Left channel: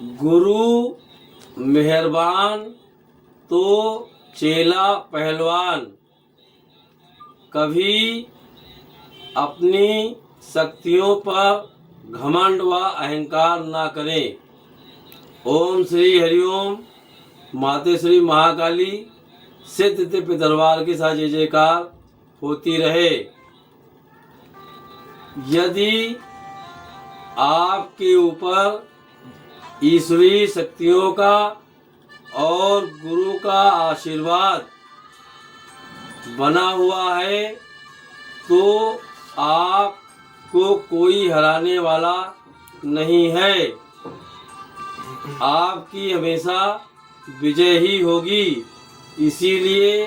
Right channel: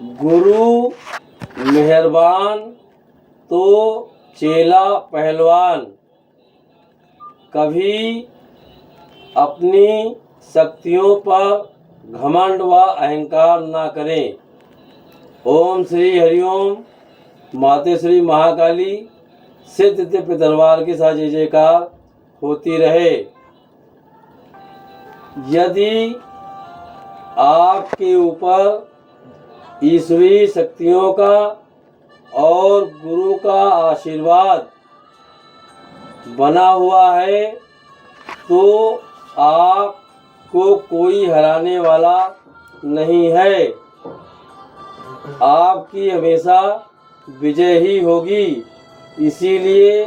गुरु मेहरबान तो चेला पहलवान। कभी अपनी शक्तियों पर घमंड व अहंकार न करें। ओम श्री हरिओम। माते श्री महाकाली सिद्ध दिव्य दरबार के साथ जय जयकार होती रहे। यदि आपके ऊपर ईश्वरीय शक्तियों का और गुरु का आशीर्वाद बना हुआ है तो आपको कोई हराने वाला नहीं है। आपकी हमेशा विजय ही होगी। इसीलिए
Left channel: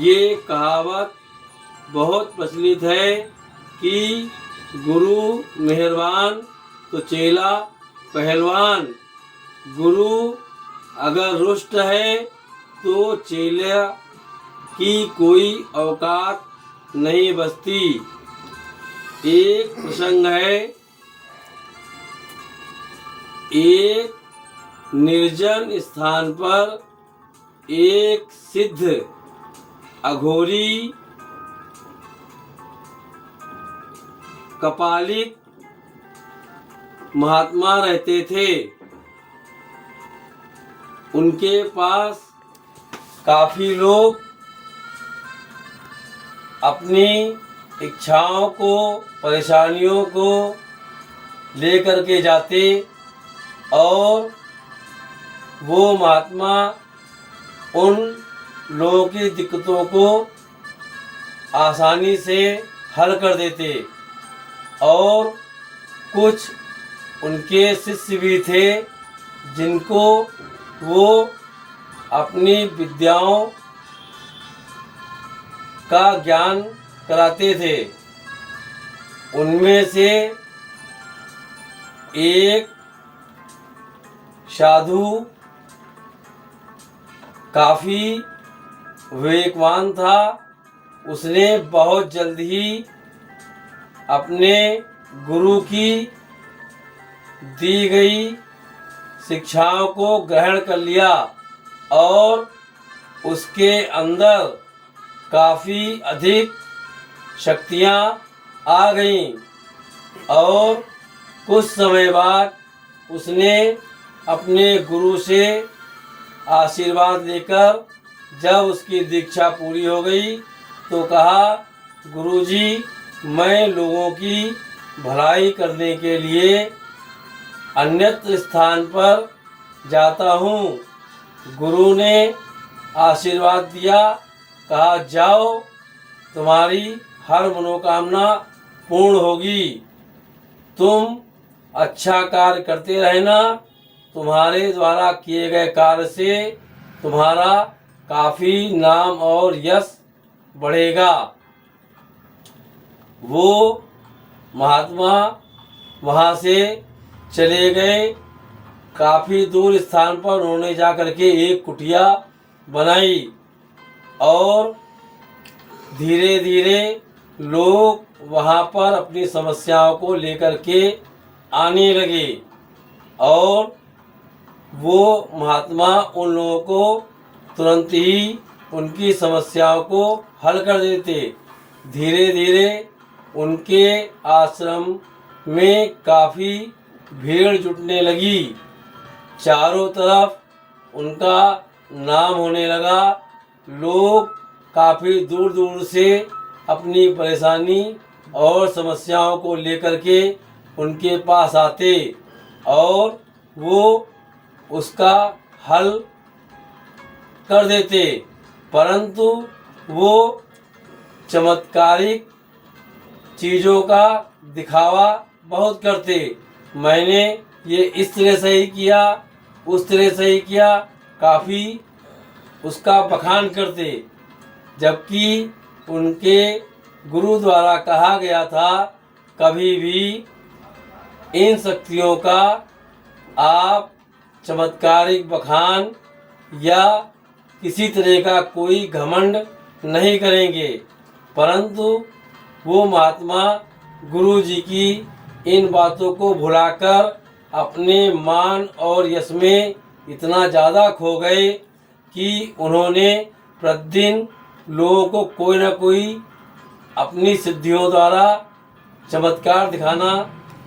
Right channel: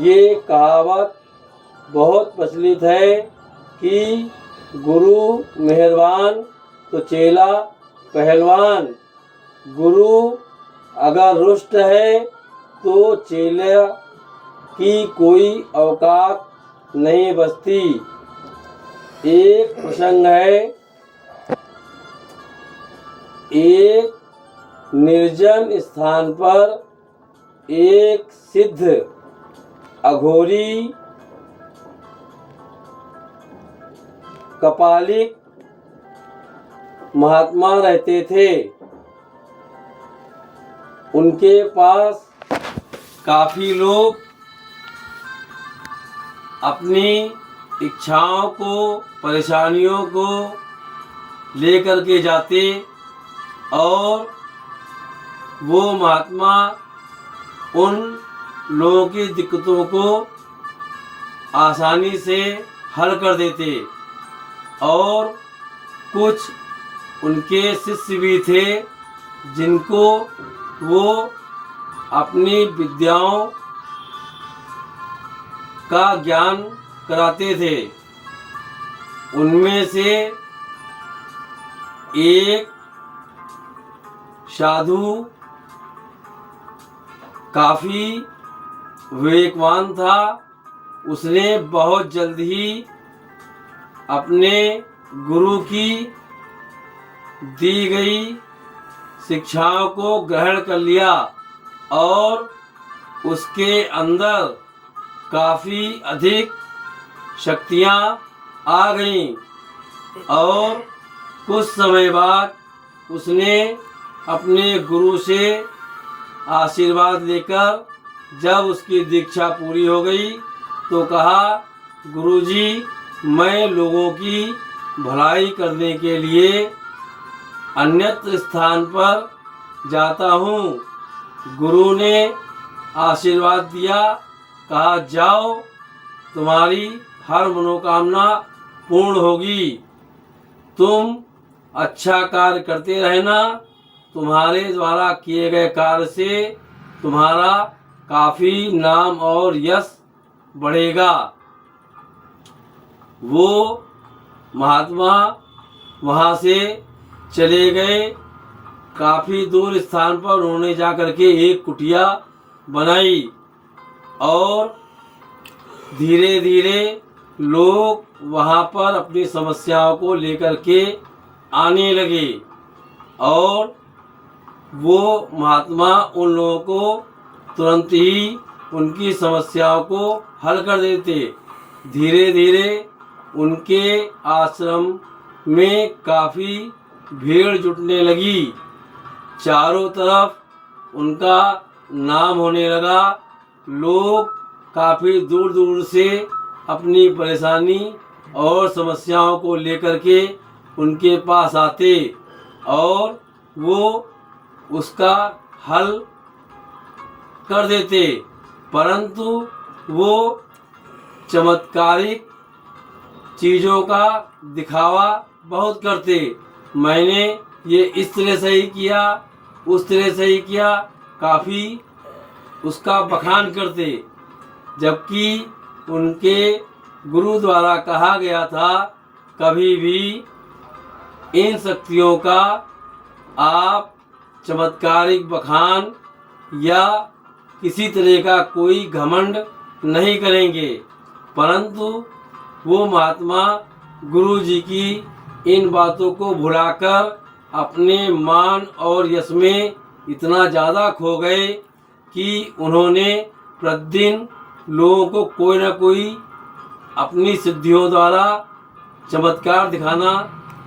ये कहावत बहुत प्रचलित है कि गुरु मेहरबान तो चेला पहलवान। गुरु अगर रुष्ट है तो चेले की कोई औकात नहीं बचती। एक प्रसंग है, एक निर्जन स्थान पर एक सिद्ध अघोरी कपालिक महात्मा रहते थे। उनके पास काफी लोग अपनी इच्छाओं को, परेशानियों को लेकर के जाते और वो महात्मा उन लोगों की दिक्कतों को आसानी से हल कर देते। और कुछ उनके शिष्य भी थे जिनको वो अपनी विद्याओं का ज्ञान कराते थे। उनमें से एक साधु काफ़ी विवेकवान था। उसने बहुत जल्द ही अपने गुरु की दी गई शिक्षाओं को ग्रहण कर लिया और उसके अंदर काफ़ी अधिक शक्तियाँ आ गईं। और कुछ समय बाद उसने अपने गुरु से आशीर्वाद लेकर जब उसकी दीक्षा पूरी हो गई तो कहा, गुरुजी, मैं लोगों की भलाई करने के लिए अन्यत्र स्थान पर जाता हूँ। गुरु ने आशीर्वाद दिया, कहा जाओ, तुम्हारी हर मनोकामना पूर्ण होगी। तुम अच्छा कार्य करते रहना। तुम्हारे द्वारा किए गए कार्य से तुम्हारा काफ़ी नाम और यश बढ़ेगा। वो महात्मा वहाँ से चले गए। काफ़ी दूर स्थान पर उन्होंने जा कर के एक कुटिया बनाई और धीरे धीरे लोग वहाँ पर अपनी समस्याओं को लेकर के आने लगे और वो महात्मा उन लोगों को तुरंत ही उनकी समस्याओं को हल कर देते। धीरे धीरे उनके आश्रम में काफ़ी भीड़ जुटने लगी। चारों तरफ उनका नाम होने लगा। लोग काफ़ी दूर दूर से अपनी परेशानी और समस्याओं को लेकर के उनके पास आते और वो उसका हल कर देते। परंतु वो चमत्कारिक चीज़ों का दिखावा बहुत करते। मैंने ये इस तरह से ही किया, उस तरह से ही किया, काफ़ी उसका बखान करते। जबकि उनके गुरु द्वारा कहा गया था, कभी भी इन शक्तियों का आप चमत्कारिक बखान या किसी तरह का कोई घमंड नहीं करेंगे। परंतु वो महात्मा गुरु जी की इन बातों को भुलाकर अपने मान और यश में इतना ज़्यादा खो गए कि उन्होंने प्रतिदिन लोगों को कोई न कोई अपनी सिद्धियों द्वारा चमत्कार दिखाना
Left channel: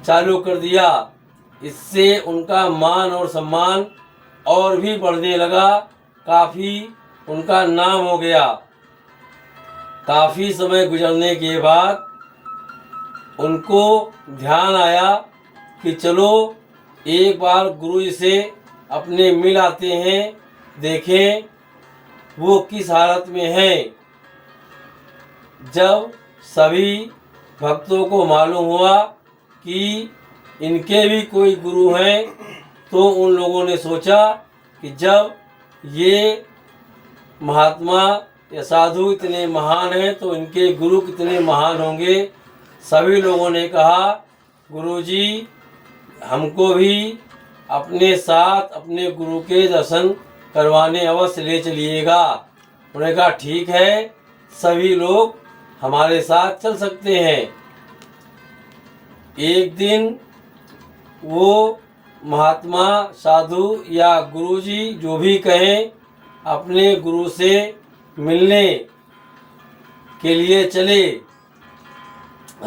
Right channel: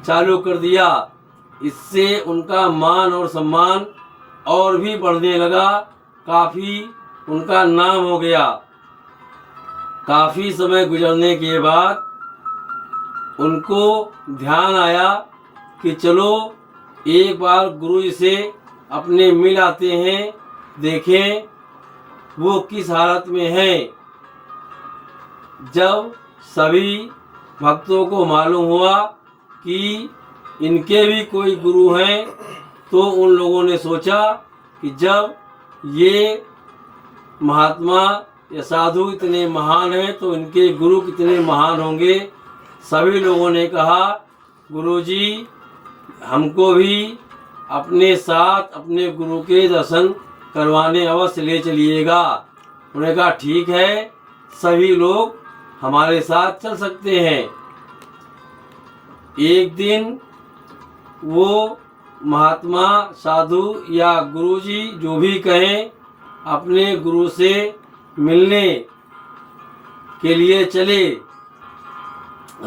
चालू कर दिया। इससे उनका मान और सम्मान और भी बढ़ने लगा, काफ़ी उनका नाम हो गया। काफ़ी समय गुजरने के बाद उनको ध्यान आया कि चलो एक बार गुरु जी से अपने मिल आते हैं, देखें वो किस हालत में हैं। जब सभी भक्तों को मालूम हुआ कि इनके भी कोई गुरु हैं, तो उन लोगों ने सोचा कि जब ये महात्मा या साधु इतने महान हैं तो इनके गुरु कितने महान होंगे। सभी लोगों ने कहा, गुरुजी हमको भी अपने साथ अपने गुरु के दर्शन करवाने अवश्य ले चलिएगा। उन्होंने कहा ठीक है, सभी लोग हमारे साथ चल सकते हैं। एक दिन वो महात्मा साधु या गुरुजी जो भी कहें अपने गुरु से मिलने के लिए चले।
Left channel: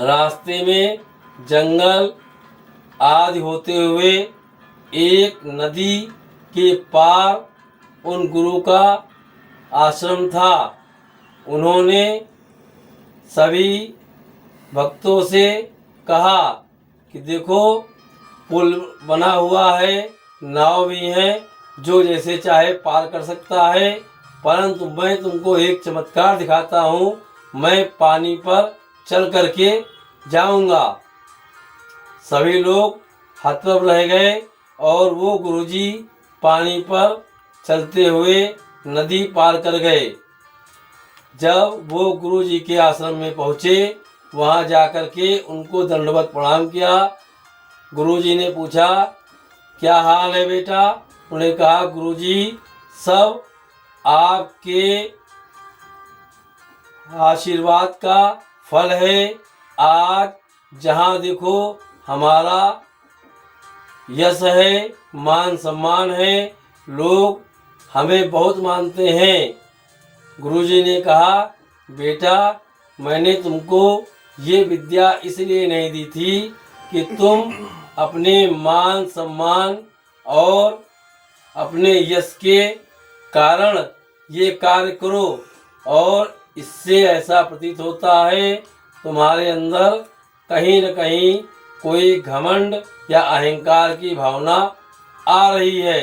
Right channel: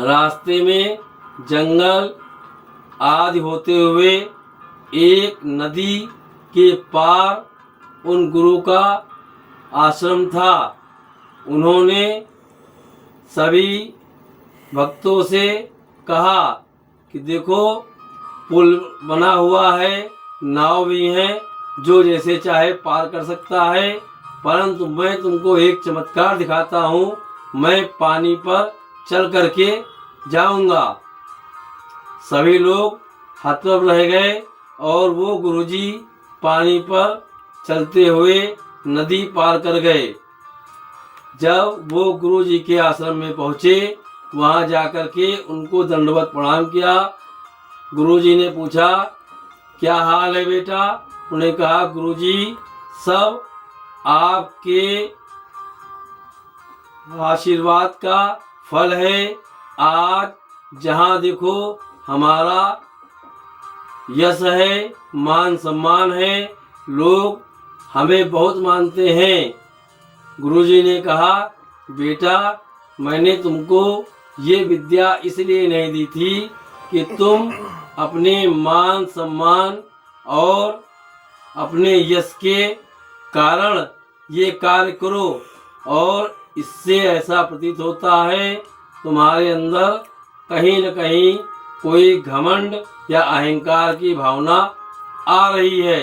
रास्ते में जंगल आदि होते हुए एक नदी के पार उन गुरु का आश्रम था। उन्होंने सभी भक्तों से कहा कि देखो पुल बना हुआ है, नाव भी है, जो जैसे चाहे पार कर सकता है, परंतु मैं तुमको एक चमत्कार दिखाता हूँ। मैं पानी पर चल करके जाऊंगा। सभी लोग हतप्रभ रह गए और वो गुरुजी पानी पर चलते हुए नदी पार कर गए। जब वो गुरुजी के आश्रम में पहुँचे, वहाँ जाकर के उनको दंडवत प्रणाम किया। गुरुजी ने पूछा क्या हाल है बेटा? उन्हें कहा गुरुजी सब आपके आशीर्वाद का फल है। आज जहाँ देखो हमारा यश है, मान सम्मान है, लोग हमें बहुत मानते हैं। गुरुजी ने कहा बेटा मैंने तुमको ये विद्या इसलिए नहीं दी थी कि तुम अपने मान सम्मान और अपने यश के कारण ये कार्य करो, और इससे ऐसा प्रतीत होता है तुम्हारे अंदर कहीं न कहीं कोई घमंड या अहंकार की भावना आ रही है।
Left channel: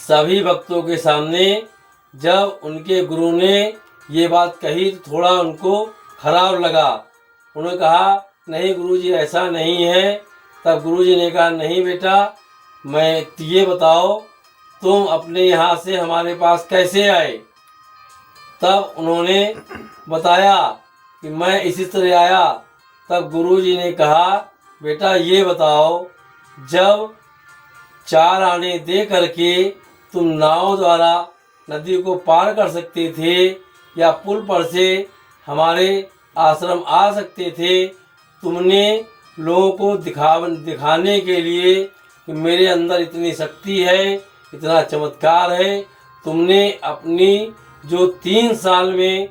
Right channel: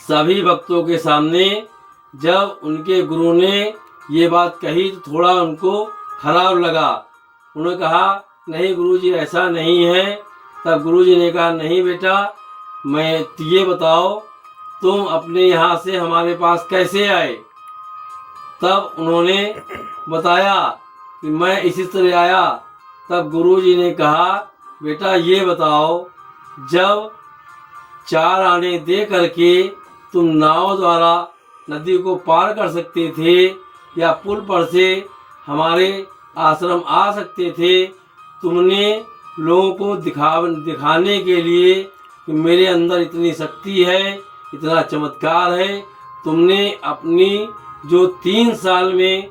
सभी भक्तों के सामने जब उनके गुरु ने ये बात कही तो थोड़ा उनको खराब लगा। उन्होंने कहा नहीं गुरुजी ऐसा नहीं है। तब गुरुजी ने कहा नहीं बेटा, मैं ये बताओ तुम अपने यहाँ से हमारे पास कैसे आए? तब उन्होंने बताया कि मैं इसी तरह आया। तब गुरुजी ने कहा बेटा ये बताओ, जब 4 आने दे करके तुम नाव द्वारा नदी को पार कर सकते थे या पुल पर से हमारे आश्रम आ सकते थे, तुमने लोगों को दिखाने के लिए कि मेरे अंदर इतनी शक्ति है, इतना चमत्कार है, तुमने अपनी जो 3 साल में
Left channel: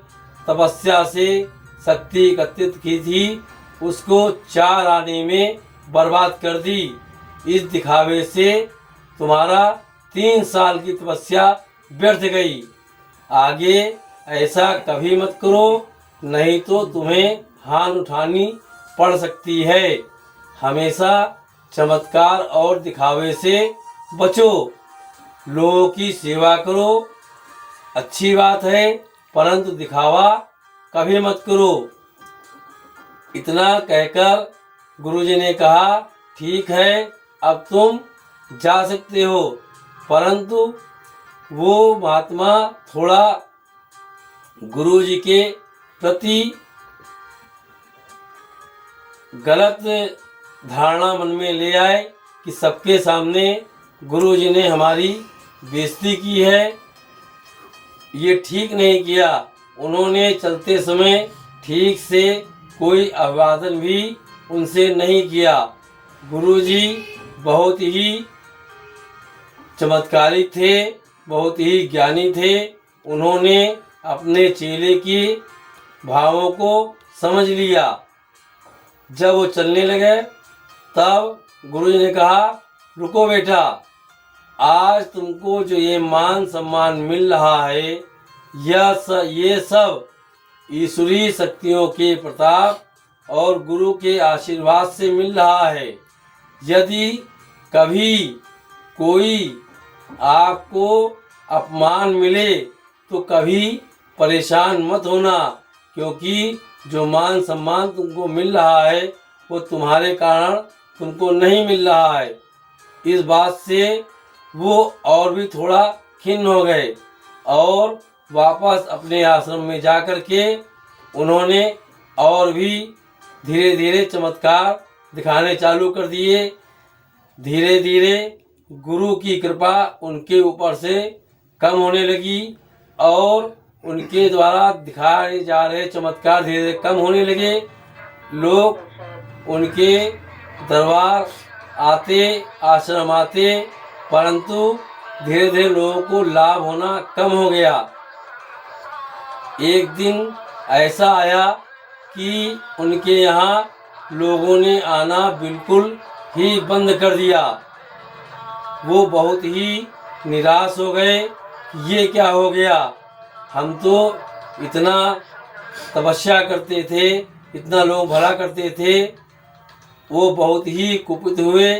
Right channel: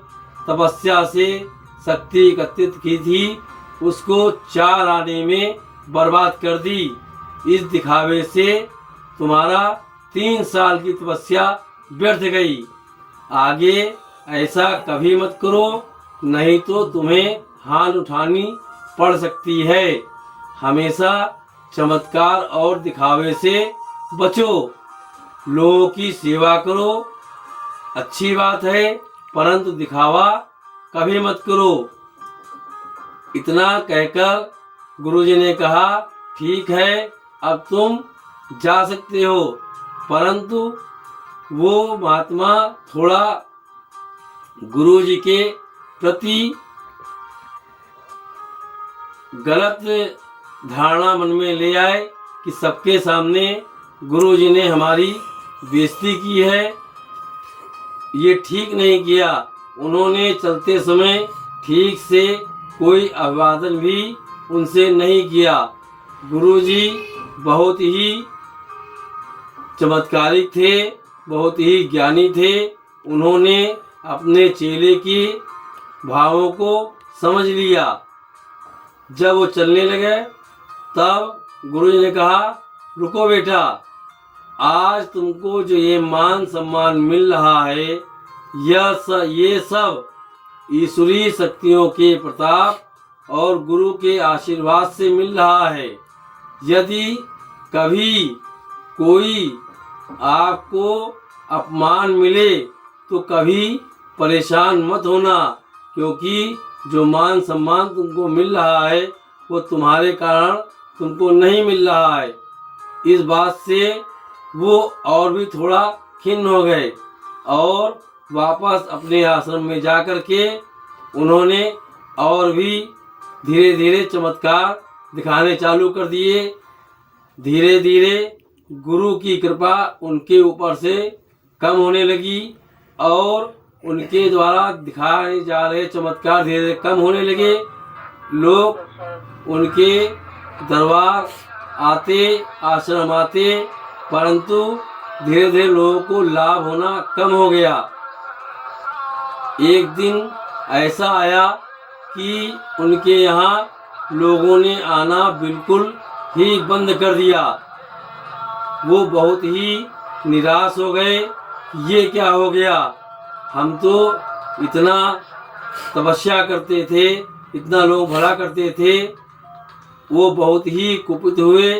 तपस्या से शक्ति एकत्रित की थी उसको 4 आने में बर्बाद कर दी। इस दिखावे से तुम्हारा 3 साल की तपस्या व्यर्थ गई। आगे ऐसा कभी मत करो, नहीं तो तुम्हें हाथ उठानी पड़ सकती है। हमेशा चमत्कार और दिखावे से बचो, लोगों की सेवा करो, अच्छी बात है, परंतु दिखावा कभी मत करो। इतना कहकर गुरुजी ने कहा ठीक है अब तुम जा सकते हो। परंतु वो महात्मा थोड़ा गुरुजी के प्रति गलत धारणा मन में ले आए कि सबके सामने गुरुजी ने हमारी बेइज्जती की है, ये ठीक नहीं किया। उन्होंने चलते समय ठीक से कोई अभिवादन भी उनसे नहीं किया। गुरुजी बहुत ही चमत्कारिक थे, बहुत ही ज्ञानी थे। उन्होंने अपने चेले की भावों को समझ लिया। जब वो चलने लगे तब गुरुजी ने कहा, रुको बेटा, आज तुमको जो ये मान सम्मान मिल रहा है ये सब ईश्वरीय शक्तियों के प्रताप और गुरु के आशीर्वाद से मिल रहा है। यदि कभी कोई आपको अपमान मिले तो कभी परेशान मत होना, क्योंकि जो मान सम्मान तुमको मिल रहा है वो तुम्हारे कारण तुमको नहीं मिल रहा है। इस बात से वो और भी थोड़ा खिन्न हो गए और वापस अपने आश्रम में जाकर के उन्होंने और भी धीरे धीरे चमत्कार दिखाने चालू कर दिए। धीरे धीरे गुरु की कृपा उनके ऊपर से कम होने लगी और उनके द्वारा दिखाए जा रहे चमत्कार धीरे धीरे कम होने लगे। लोग उनके दरबार आते, आश्रम आते, परंतु धीरे धीरे लोगों को लाभ होना कम हो गया। एक दिन ऐसा आया कि उनके यहाँ लोगों ने आना बिल्कुल ही बंद कर दिया। वो बहुत ही निराश हो गए, ये क्या हो गया, हम तो इतना तपस्या करते थे, इतना लोग भला करते थे। वो बहुत ही कुपित हुए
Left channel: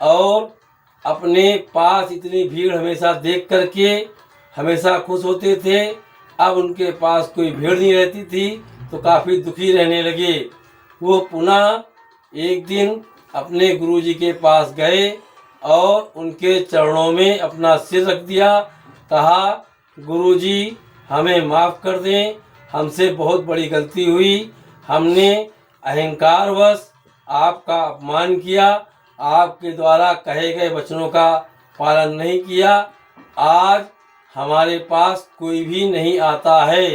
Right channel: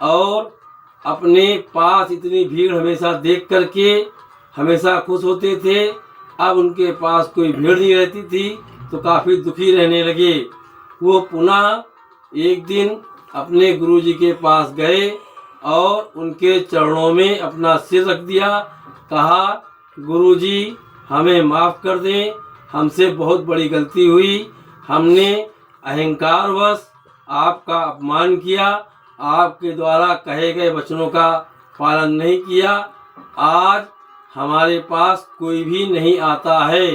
और अपने पास इतनी भीड़ हमेशा देख करके हमेशा खुश होते थे। अब उनके पास कोई भीड़ नहीं रहती थी तो काफ़ी दुखी रहने लगे। वो पुनः एक दिन अपने गुरुजी के पास गए और उनके चरणों में अपना सिर रख दिया। कहा, गुरुजी हमें माफ़ कर दें, हमसे बहुत बड़ी गलती हुई। हमने अहंकारवश आपका अपमान किया, आपके द्वारा कहे गए वचनों का पालन नहीं किया। आज हमारे पास कोई भी नहीं आता है।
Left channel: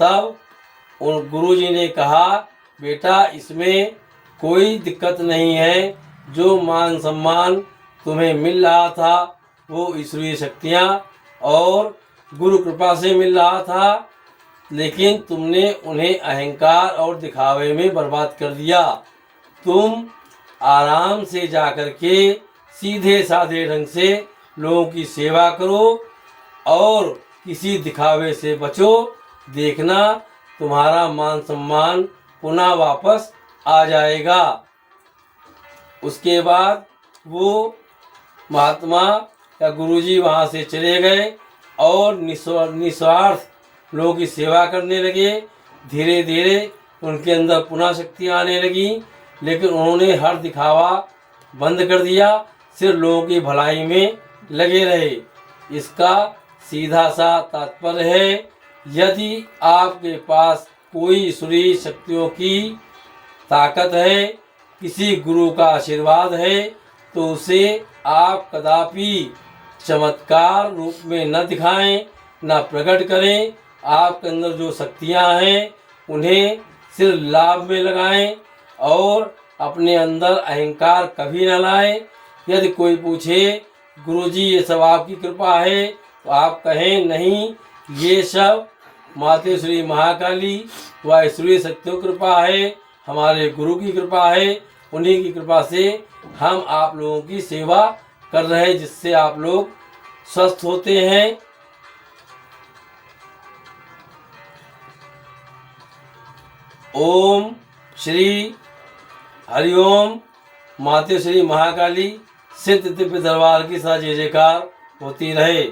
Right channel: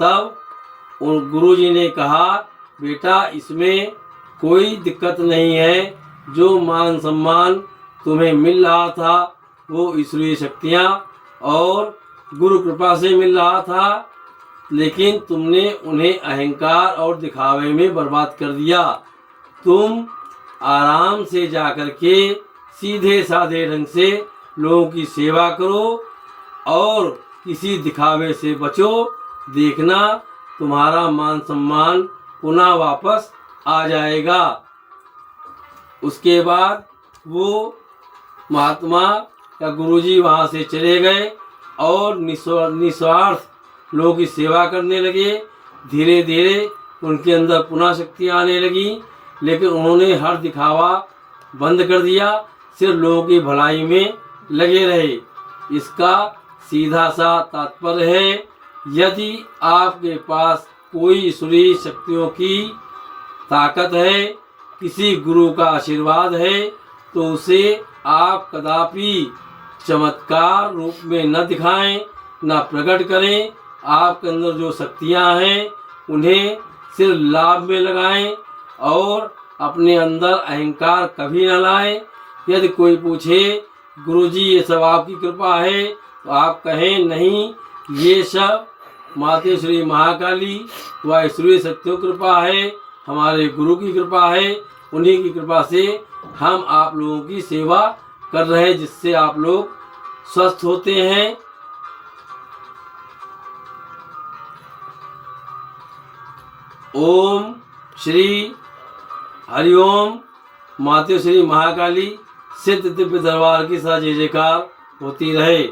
तब उन गुरुजी ने कहा, बेटा इसमें कोई दिक्कत नहीं है। जो मान सम्मान तुम्हें मिल रहा था वो ईश्वरीय शक्तियाँ और गुरु कृपा से मिल रहा था, लेकिन तुमने उन्हें अहंकार और दिखावे में बर्बाद कर दिया। तुम आराम से जाकर के सीधे साधे ढंग से लोगों की सेवा करो और किसी दिखावे से बचो। देखना तुम्हारा मान सम्मान पुनः वापस आ जाएगा। उसके बाद वो महात्मा या गुरुजी वहाँ से चले गए और निस्वार्थ लोगों की सेवा करने लगे। धीरे धीरे उनके अंदर पुनः शक्तियाँ आने लगी, लेकिन उन्होंने हर दिखावा बंद कर दिया, सिर्फ लोगों की भलाई में लगे रहे। इसका सीधा सा तात्पर्य है, यदि आपके पास कोई ईश्वरीय शक्तियों की ताकत है, किसी गुरु का आशीर्वाद है, तो उसे आप कदापि चमत्कार रूप में न दिखाएं, न प्रकट करें। आपके अंदर जो शक्तियां हैं उन्हें सिर्फ लाभ में लगाएं और अपने अंदर अहंकार कभी न लाएं। यदि कोई पूछे, गुरुजी ये सब आपकी कृपा है, तो आप कहें नहीं, ये सब माते श्री महाकाली व ईश्वरीय शक्तियों की कृपा है, हमारे गुरु की कृपा है। उन्हीं की कृपा से हम आप लोगों की सेवा कर रहे हैं, जिससे आप लोग स्वस्थ होते हैं। ओम श्री हरिओम। माते श्री महाकाली सिद्ध दिव्य दरबार की सा जय जयकार होती रहे।